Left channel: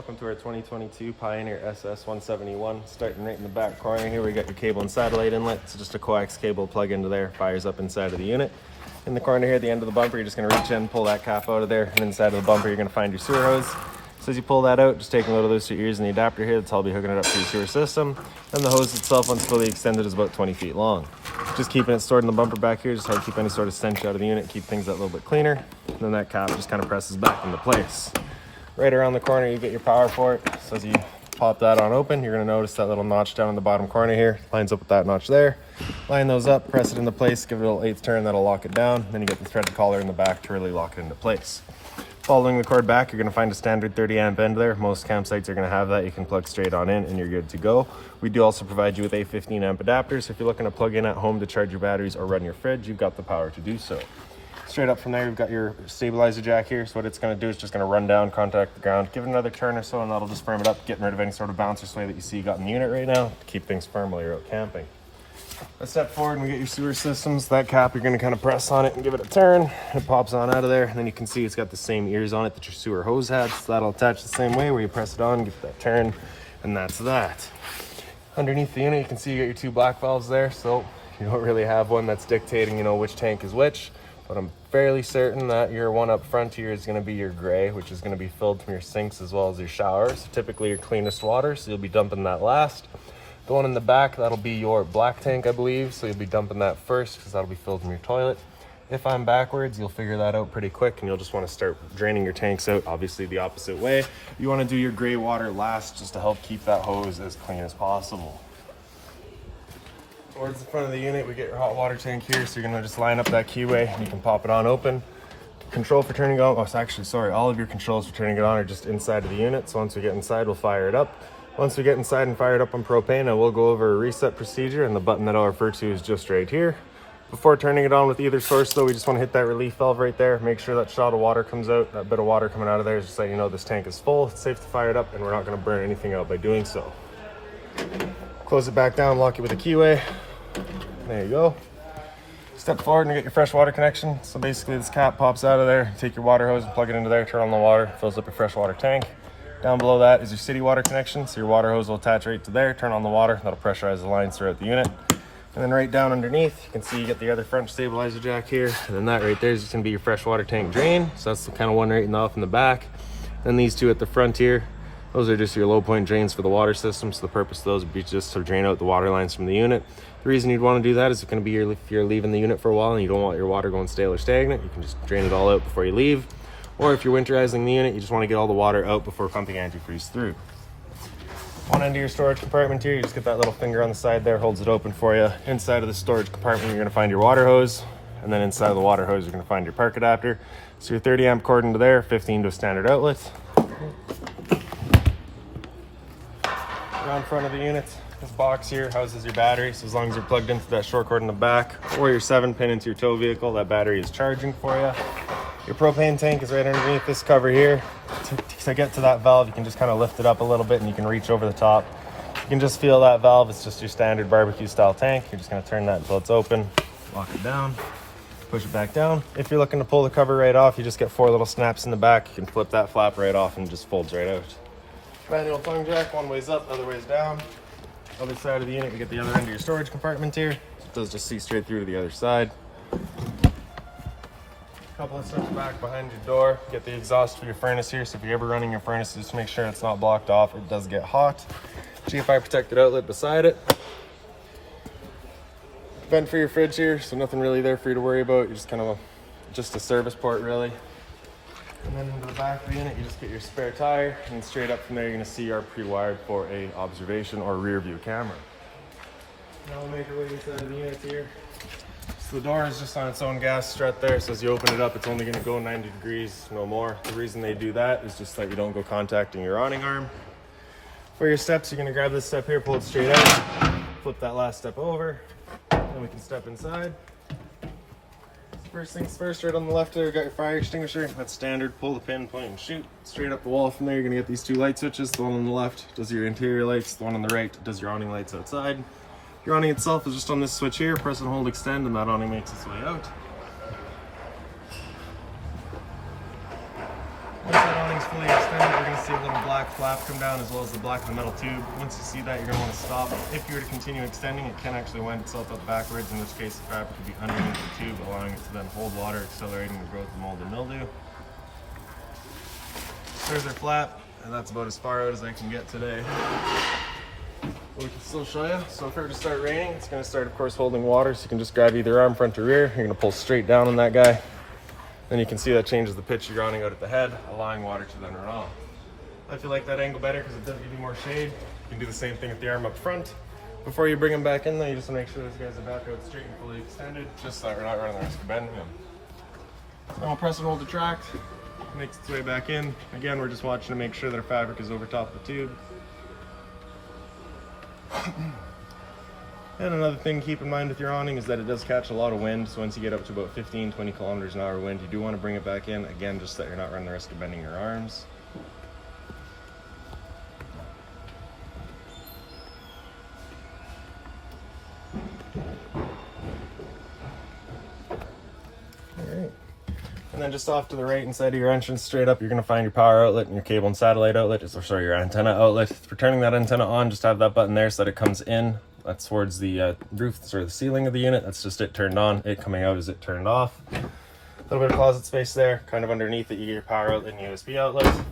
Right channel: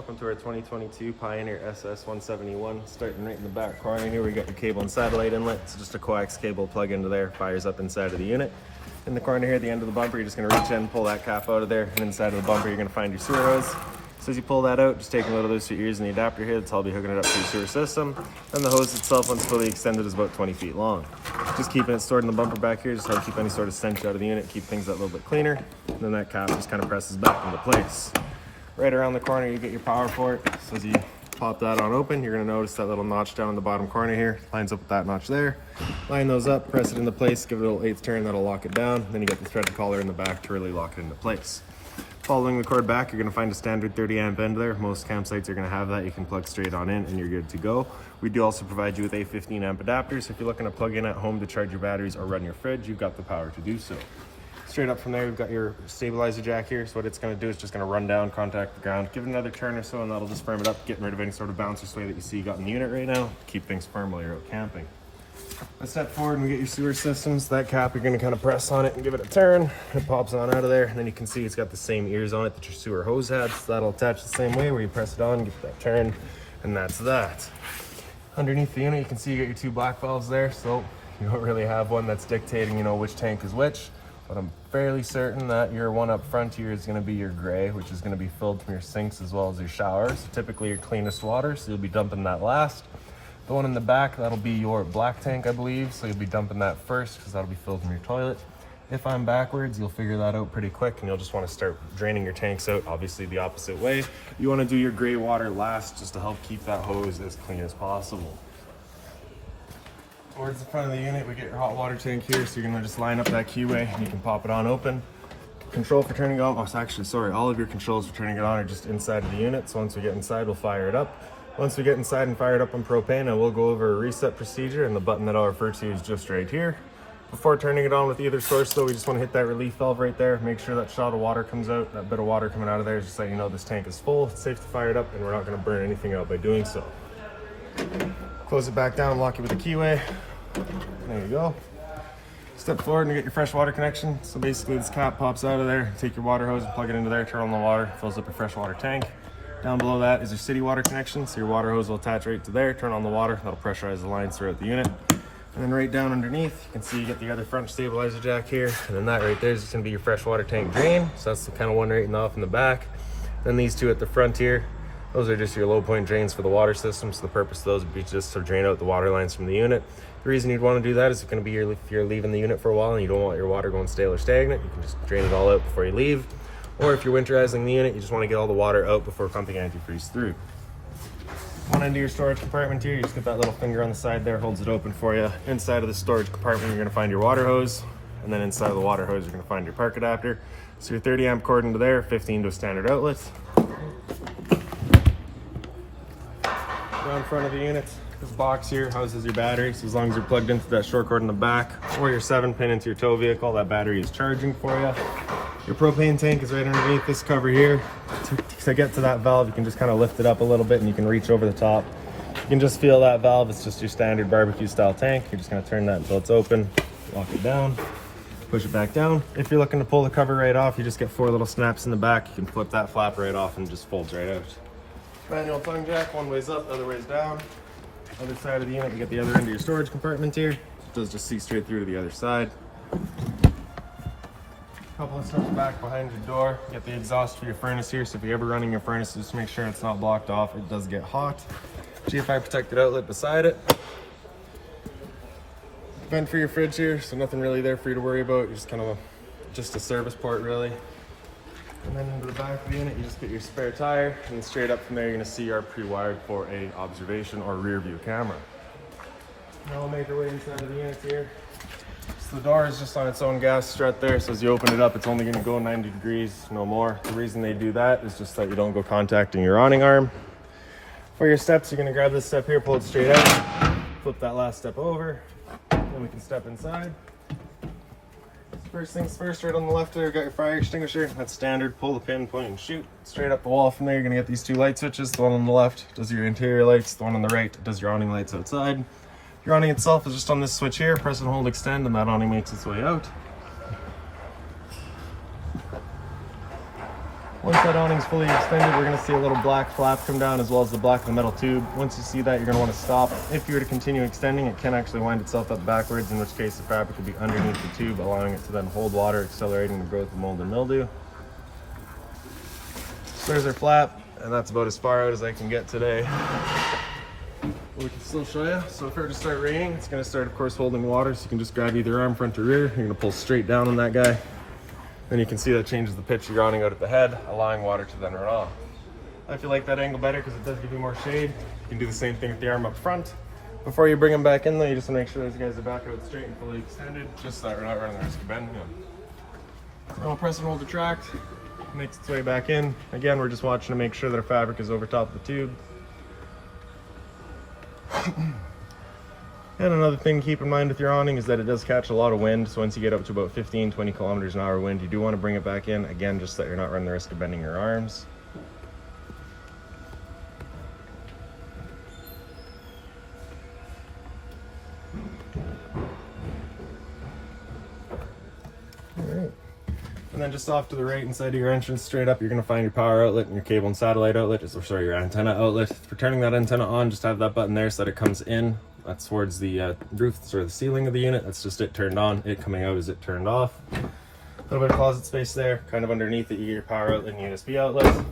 Welcome to our 2022 Pioneer SS171. Starting right in the back corner here, we got your cable and satellite inlet. It's just a coax cable plug into there, fires up inside of the unit. In the corner here, at the end of the bumper, you're just going to reach in, pull that cap out of there, and inside of the bumper, you're going to find your sewer hose. So as you pull that out, just take a load of those to your ears and the adapter here. That's all be hooking it up to your sewer system. And the hose itself, once fully extended, is about 20 feet long. Just keeping it stored in the bumper back here, just how to keep any sort of stench out of the unit, keep things a little bit cleaner. And then that cap just kind of presses back into place. Right around the corner, you get your power port. So as you pop that on open, you're going to notice that little notch down in the bottom corner here. Lines up with that notch there. Line those up, press it into place, give it a little 1/8 turn, that'll lock it down. Then you get the threaded collar in the back to really lock it into place. Following the cord back, you're going to find a standard 30 amp end there. Most campsites are going to have that. You can plug straight on in and you're good to go. We do also provide you with a 15 amp adapter. So if you're looking to plug in at home to charge your batteries or run your fridge, you've got the power to do so. Straight up from there, we've got your stabilizer jack here. So what it's going to do is just going to run down, contact the ground, give it another turn or so, and that'll just firm it up, getting rid of any sort of bounce or sway that you see you got in the unit right now to keep things firm while you're out camping. Let's step forward and we get your sewer systems. That cap, you're going to kind of press on it and give it a turn. It pops on out of there, and then you can see it's got the same ears on it that your sewer hose had. So that'll attach the same way where you press it on, give it that turn, and that's that. Underneath the unit, you can see you got your two black valves there. So you don't really have one that's dictating, you know, which tank is which. But I'm fairly certain that your one up front here is going to be your gray, which is going to be filled from your sinks as well as your showers. Typically your cleanest water, so you'll be dumping that last. The one in the back, that'll be your black tank, I believe, so you'll be dumping that first because that'll be filled from your toilet. If I'm backwards, you'll figure that out pretty quick and you'll just want to start draining your tanks out, obviously the opposite way. You want to do your gray water last just to help keep that hose as clean as possible. Towards the front of the unit, we get your hot water tank here, so you're going to just line up that keyway and you can pop it on open. Control for turning it on, all of your controls for turning it on are just inside of the unit, so once we get inside, we'll fire it up. Once we get inside and fire it up on propane, I will go over a reset procedure, and the button that I'll refer to is just right here. Before turning it on with either source though, we just want to hit that relief valve right there, make sure that shot of water comes out. That bit of water coming out of there is just so you know this tank is full, it's safe to fire it up, and we're not going to burn anything out by doing so. Close it back down, lock it with a keyway. There you go. Step forward and get your fresh water connection. So basically this cap pops out of there, take your water hose and plug it into there, turn on the water, fills up your fresh water tank. Down below that is your city water connection, so your water hose will attach right to there, turn on the water, that'll pressurize the lines throughout the unit. And then right down underneath, you can see you get the other front stabilizer jack here, and then that right there is just gonna be your fresh water tank drain. So that's the kind of one right off in the back. And these two at the front here, those are just your low point drains for the water system. So the purpose of those would be just to drain out the water lines from the unit. The reason you'd want to do that is it's going to be if you're leaving the unit for a while and you don't want your water going stale or stagnant, you can just drain it all out before you leave. Or if you're winterizing the unit, you just want to get all the water out before pumping antifreeze through. One end of your storage compartment here, you just get that little finger on the side there, holds it open for you. Inside of the storage compartment, you're going to find your water hose. And then inside of the water hose, you're going to find your park adapter. So your 30 amp cord into there, 15 to a standard outlet. Down front of the unit, this box here houses your battery, so as long as you're plugged into that short cord in the back or your 7-pin into your tow vehicle, that battery is charging for you. Your propane tank is right underneath this cover here. To get to that valve, you can just kind of lift it up a little bit and you can reach over the top. You can just feel that valve. It's just your standard barbecue style tank. You're just going to turn that until it's open, lock it down, push it back down. If you're looking to pull the cover right off, you just get 4 little snaps in the back. You can flip that flap right off and it just folds right out. Manual tongue jack, one way's up, other way's down. Other side of the unit, we get the other end of your storage compartment here. It does just see straight through to the other side. Couple of steps back behind your door, get the exhaust for your furnace here. So if you're ever running your furnace, just make sure it's not blocked off. It does get hot. GFI protected outlet beside it. Vent for your fridge here, so nothing really there for you to worry about. You're just kind of just a service port really. And then into the back of the unit, you just get your spare tire, and then straight up from there, you're going to see our pre-wired for a observation or rear view camera. Now we'll make our way inside of the unit here. So the door is just on its own gas strut there, so as you open it up, it's only going to go 90 degrees, no more. The reason they do that is just that you don't go contacting your awning arm. For your steps, you're going to grab this step here, pull it straight out, flip that last step over, then we can step inside. First things first, right on the left there, we got your fire extinguisher. That's standard. Pull the pin, point, and shoot. Straight up the wall from there, you're going to get these 2 light switches. The one on the left does your interior lights. The one on the right does your awning lights outside. Your awning itself is just on this switch here. Press and hold, extend, and that awning makes its way out. Once that awning's fully extended, we're gonna see a little black flap come down as well as the black of the metal tube. Once you see that, you're gonna wanna stop. If you were to continue extending, it can actually wind itself up backwards, in which case the fabric will be underneath the tube, allowing it to then hold water, accelerating the growth of mold and mildew. There's our flap, and that's about as far out as I can get today. But we can still show you. So if it were to start raining, it's gonna start, of course, holding water, so you can just grab either arm, front or rear. You're gonna pull straight down on that guy. Then you can see that changes the pitch of your awning out at the head, allowing water to then run off. If you like that angle better because it does give you more shade, you can do the same thing with the arm up front. Before you bring them back in though, you just want to make sure those guys are back out straight and fully extended, just so that we're not running the risk of bending them. So I'll press and hold the tract, makes its way back in. Again, we're just watching to make sure that our fabric is over top of the tube. And another thing to keep in mind with your awning is that it does catch a lot of wind. So once you get up to about 15-20 kilometers an hour wind, you do want to bring it back in, again, just so that you're not running the risk of bending your arms. Alright. And then just off to the right inside of your entrance, straight up, you're going to find your power outlet and your cable and satellite outlet, or sorry, your antenna outlet. For turning that antenna on, just have that button there so that it comes in. That's towards the roof, sort of the ceiling of the unit. That's just it turned on. It coming out is it turned off. A little bit of closet space there. Kind of underneath it, you get your power outlet and USB outlet.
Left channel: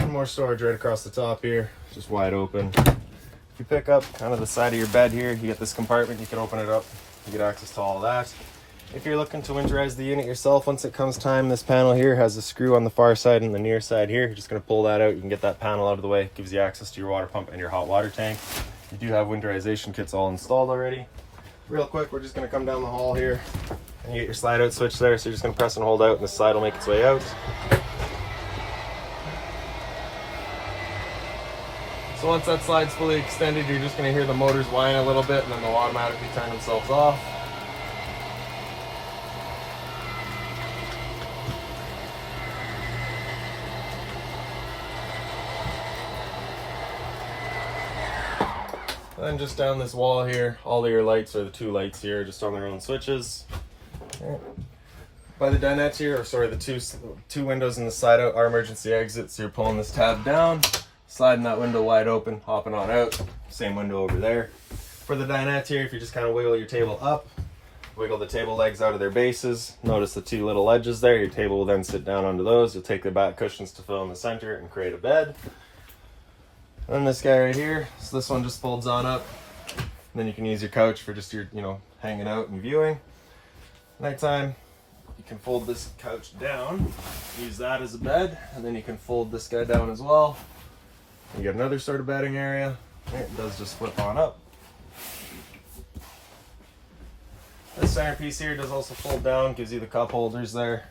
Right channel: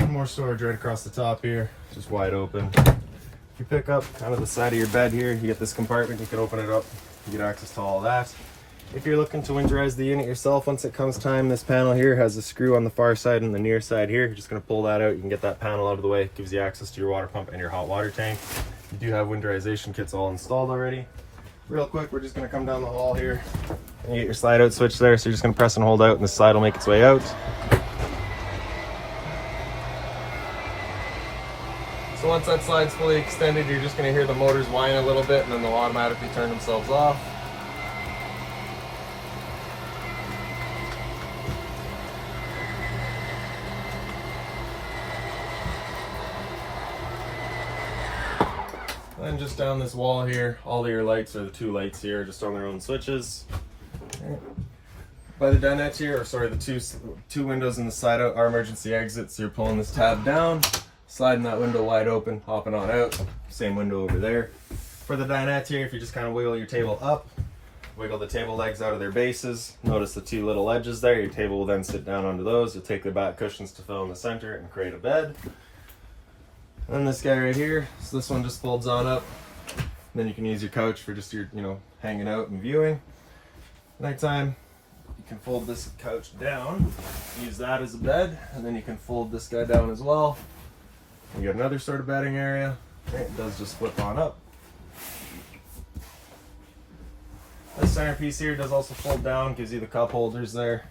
And more storage right across the top here, just wide open. If you pick up kind of the side of your bed here, you get this compartment. You can open it up. You get access to all of that. If you're looking to winterize the unit yourself, once it comes time, this panel here has a screw on the far side and the near side here. You're just going to pull that out. You can get that panel out of the way. It gives you access to your water pump and your hot water tank. You do have winterization kits all installed already. Real quick, we're just going to come down the hall here and you get your slide out switch there. So you're just going to press and hold out and the slide will make its way out. So once that slide's fully extended, you're just going to hear the motors whine a little bit and then they'll automatically turn themselves off. Then just down this wall here, all of your lights are the two lights here, just on their own switches. Right. By the dinette here, or sorry, the two windows in the side out are emergency exits. So you're pulling this tab down, sliding that window wide open, hopping on out. Same window over there. For the dinette here, if you just kind of wiggle your table up, wiggle the table legs out of their bases. Notice the two little ledges there. Your table will then sit down onto those. You'll take the back cushions to fill in the center and create a bed. And this guy right here, so this one just folds on up. And then you can use your couch for just your, hanging out and viewing. Nighttime, you can fold this couch down, use that as a bed, and then you can fold this guy down as well. You got another sort of bedding area. It does just flip on up. This centerpiece here does also fold down, gives you the cup holders there.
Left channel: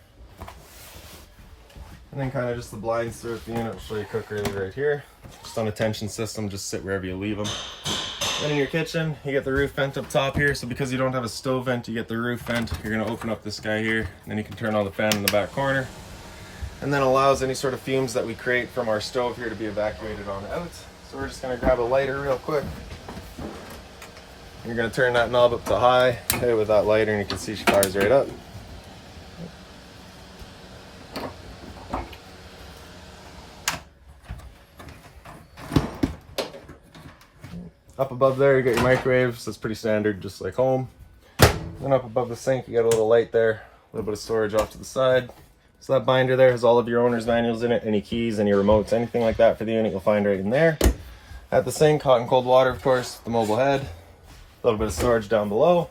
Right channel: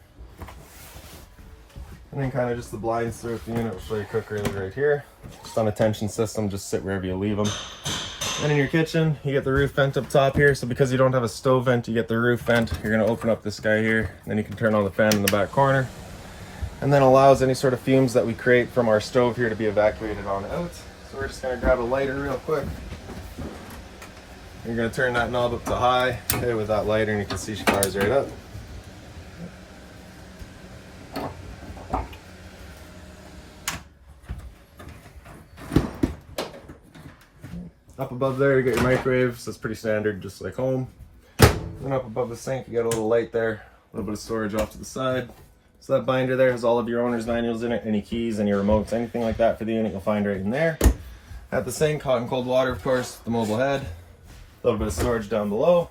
And then kind of just the blinds throughout the unit. We'll show you quick really right here. Just on a tension system, just sit wherever you leave them. And in your kitchen, you get the roof vent up top here. So because you don't have a stove vent, you get the roof vent. You're gonna open up this guy here, and then you can turn on the fan in the back corner. And then allows any sort of fumes that we create from our stove here to be evacuated on out. So we're just gonna grab a lighter real quick. You're gonna turn that knob up to high, hit it with that lighter, and you can see she fires right up. Up above there, you got your microwave, so it's pretty standard, just like home. Then up above the sink, you got a little light there, a little bit of storage off to the side. So that binder there has all of your owner's manuals in it, any keys, any remotes, anything like that for the unit you'll find right in there. At the sink, hot and cold water, of course, the mobile head, a little bit of storage down below.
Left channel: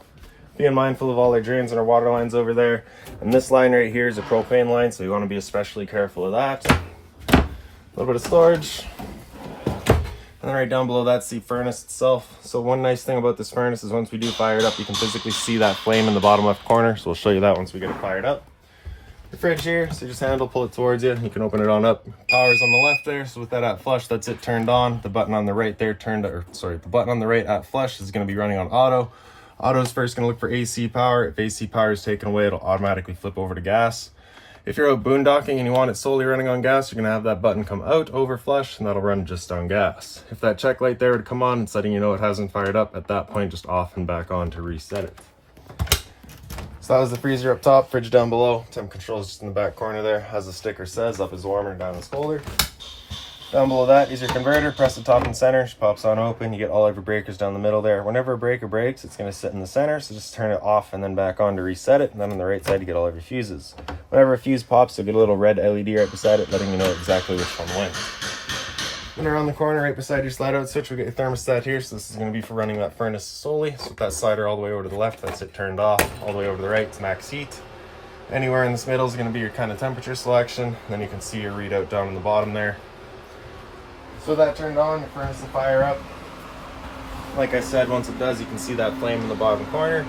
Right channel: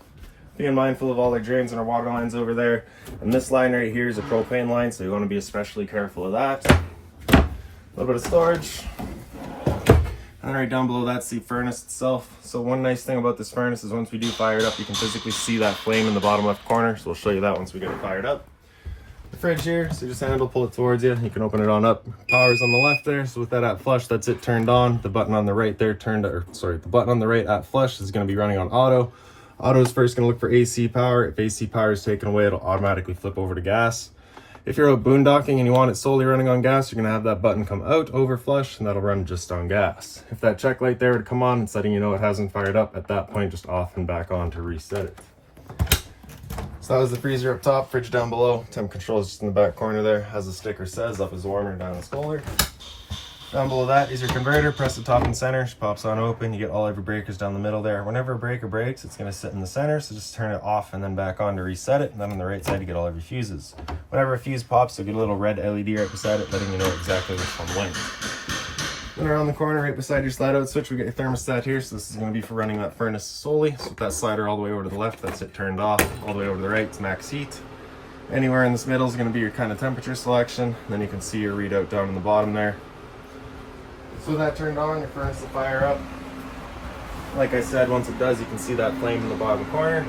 Being mindful of all our drains and our water lines over there. And this line right here is a propane line, so you want to be especially careful of that. A little bit of storage. And then right down below that's the furnace itself. So one nice thing about this furnace is once we do fire it up, you can physically see that flame in the bottom left corner. So we'll show you that once we get it fired up. The fridge here, so you just handle, pull it towards you. You can open it on up. Power's on the left there, so with that at flush, that's it turned on. The button on the right there the button on the right at flush is gonna be running on auto. Auto is first gonna look for AC power. If AC power is taken away, it'll automatically flip over to gas. If you're out boondocking and you want it solely running on gas, you're gonna have that button come out over flush, and that'll run just on gas. If that check light there would come on, it's letting you know it hasn't fired up. At that point, just off and back on to reset it. So that was the freezer up top, fridge down below. Temp control is just in the back corner there. As the sticker says, up is warmer, down is colder. Down below that is your converter. Press the top and center, she pops on open. You get all of your breakers down the middle there. Whenever a breaker breaks, it's going to sit in the center, so just turn it off and then back on to reset it. And then on the right side, you get all of your fuses. Whenever a fuse pops, you'll get a little red LED right beside it, letting you know exactly which one went. When you're on the corner, right beside your slide out switch, we'll get your thermostat here. So this is going to be for running that furnace solely. So with that slider all the way over to the left, that's it turned off. All the way over to the right, it's max heat. Anywhere in this middle is going to be your kind of temperature selection. Then you can see your readout down in the bottom there. So that turned on, your furnace will fire up. Like I said, once it does, you can see that flame in the bottom corner.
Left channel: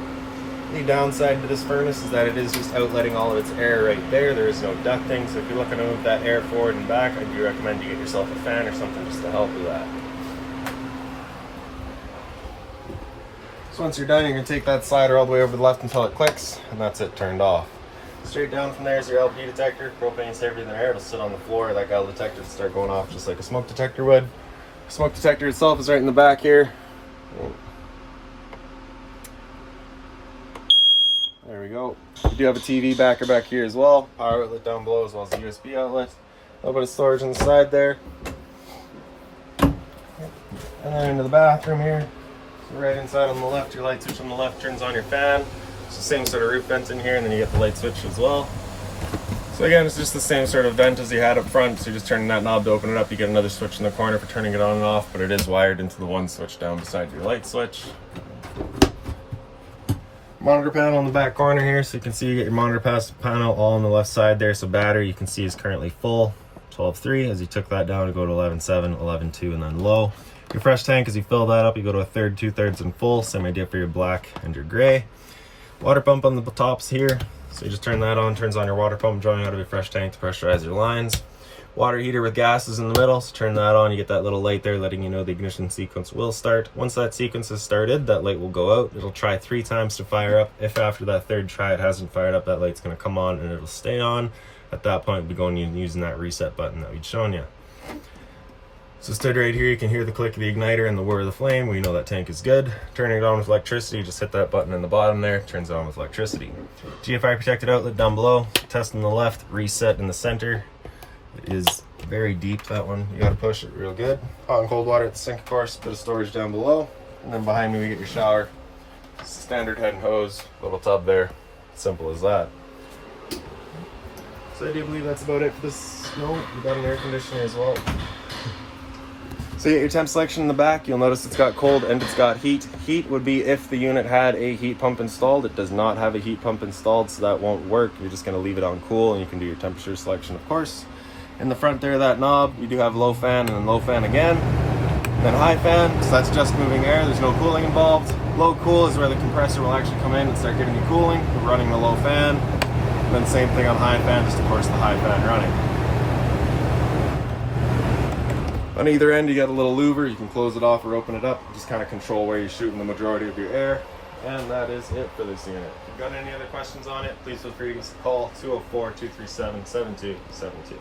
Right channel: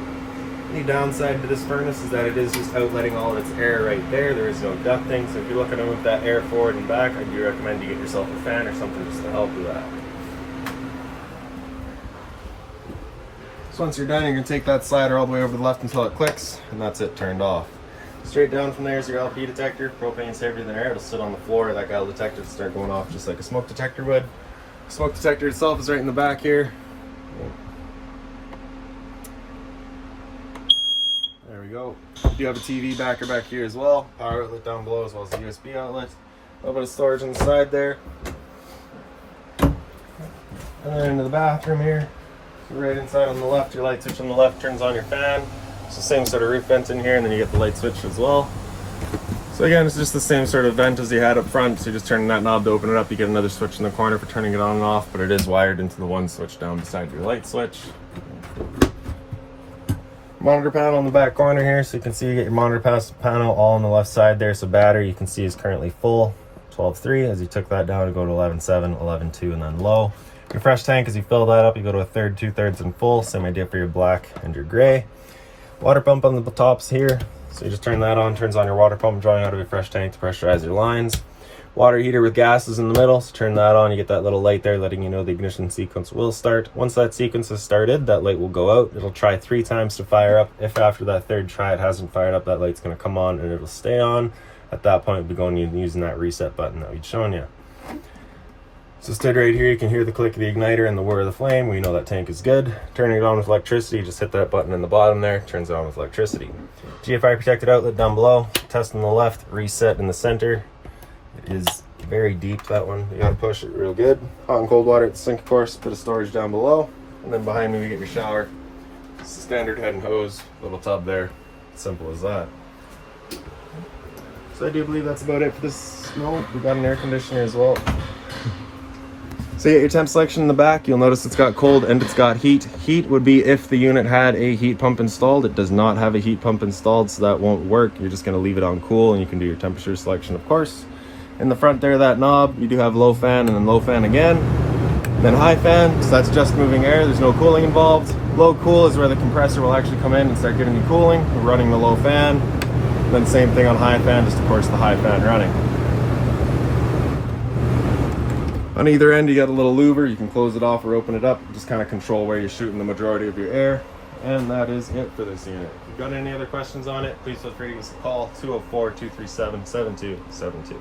The downside to this furnace is that it is just outletting all of its air right there. There is no ducting, so if you're looking to move that air forward and back, I do recommend you get yourself a fan or something just to help with that. So once you're done, you're going to take that slider all the way over to the left until it clicks, and that's it turned off. Straight down from there is your LP detector. Propane's heavier than air. It'll sit on the floor. That gal detector will start going off just like a smoke detector would. The smoke detector itself is right in the back here. There we go. You do have a TV backer back here as well. Power outlet down below as well as a USB outlet. A little bit of storage on the side there. And then into the bathroom here. So right inside on the left, your light switch on the left turns on your fan. It's the same sort of roof vent in here, and then you get the light switch as well. So again, it's just the same sort of vent as you had up front. So you're just turning that knob to open it up. You get another switch in the corner for turning it on and off, but it is wired into the one switch down beside your light switch. Monitor panel in the back corner here, so you can see you get your monitor panel all on the left side there. So battery you can see is currently full, 12.3. As you took that down, you go to 11.7, 11.2, and then low. Your fresh tank, as you fill that up, you go to a third, 2/3, and full. Same idea for your black and your gray. Water pump on the tops here, so you just turn that on, turns on your water pump, drawing out of your fresh tank to pressurize your lines. Water heater with gases in the middle, so turn that on, you get that little light there letting you know the ignition sequence will start. Once that sequence is started, that light will go out. It'll try 3 times to fire up. If after that third try it hasn't fired up, that light's going to come on and it'll stay on. At that point, we'll be going and using that reset button that we'd shown you. So stood right here, you can hear the click of the igniter and the whir of the flame. We know that tank is good. Turning it on with electricity, just hit that button in the bottom there, turns it on with electricity. GFI protected outlet down below, test on the left, reset in the center. It is very deep, that one. You gotta push it real good. Hot and cold water at the sink, of course, bit of storage down below. And then behind me, we get your shower. Standard head and hose, little tub there. Simple as that. So I do believe that's about it for this moment. We've got an air conditioner as well. So you get your temp selection in the back. You'll notice it's got cold and it's got heat. Heat would be if the unit had a heat pump installed. It does not have a heat pump installed, so that won't work. You're just gonna leave it on cool, and you can do your temperature selection, of course. In the front there, that knob, you do have low fan and then low fan again. Then high fan, so that's just moving air. There's no cooling involved. Low cool is where the compressor will actually come in and start getting you cooling. We're running the low fan. And then same thing on high fan, just of course the high fan running. On either end, you got a little louver. You can close it off or open it up. Just kind of control where you're shooting the majority of your air. And that is it for this unit. If you've got any other questions on it, please feel free to give us a call, 204-237-7272.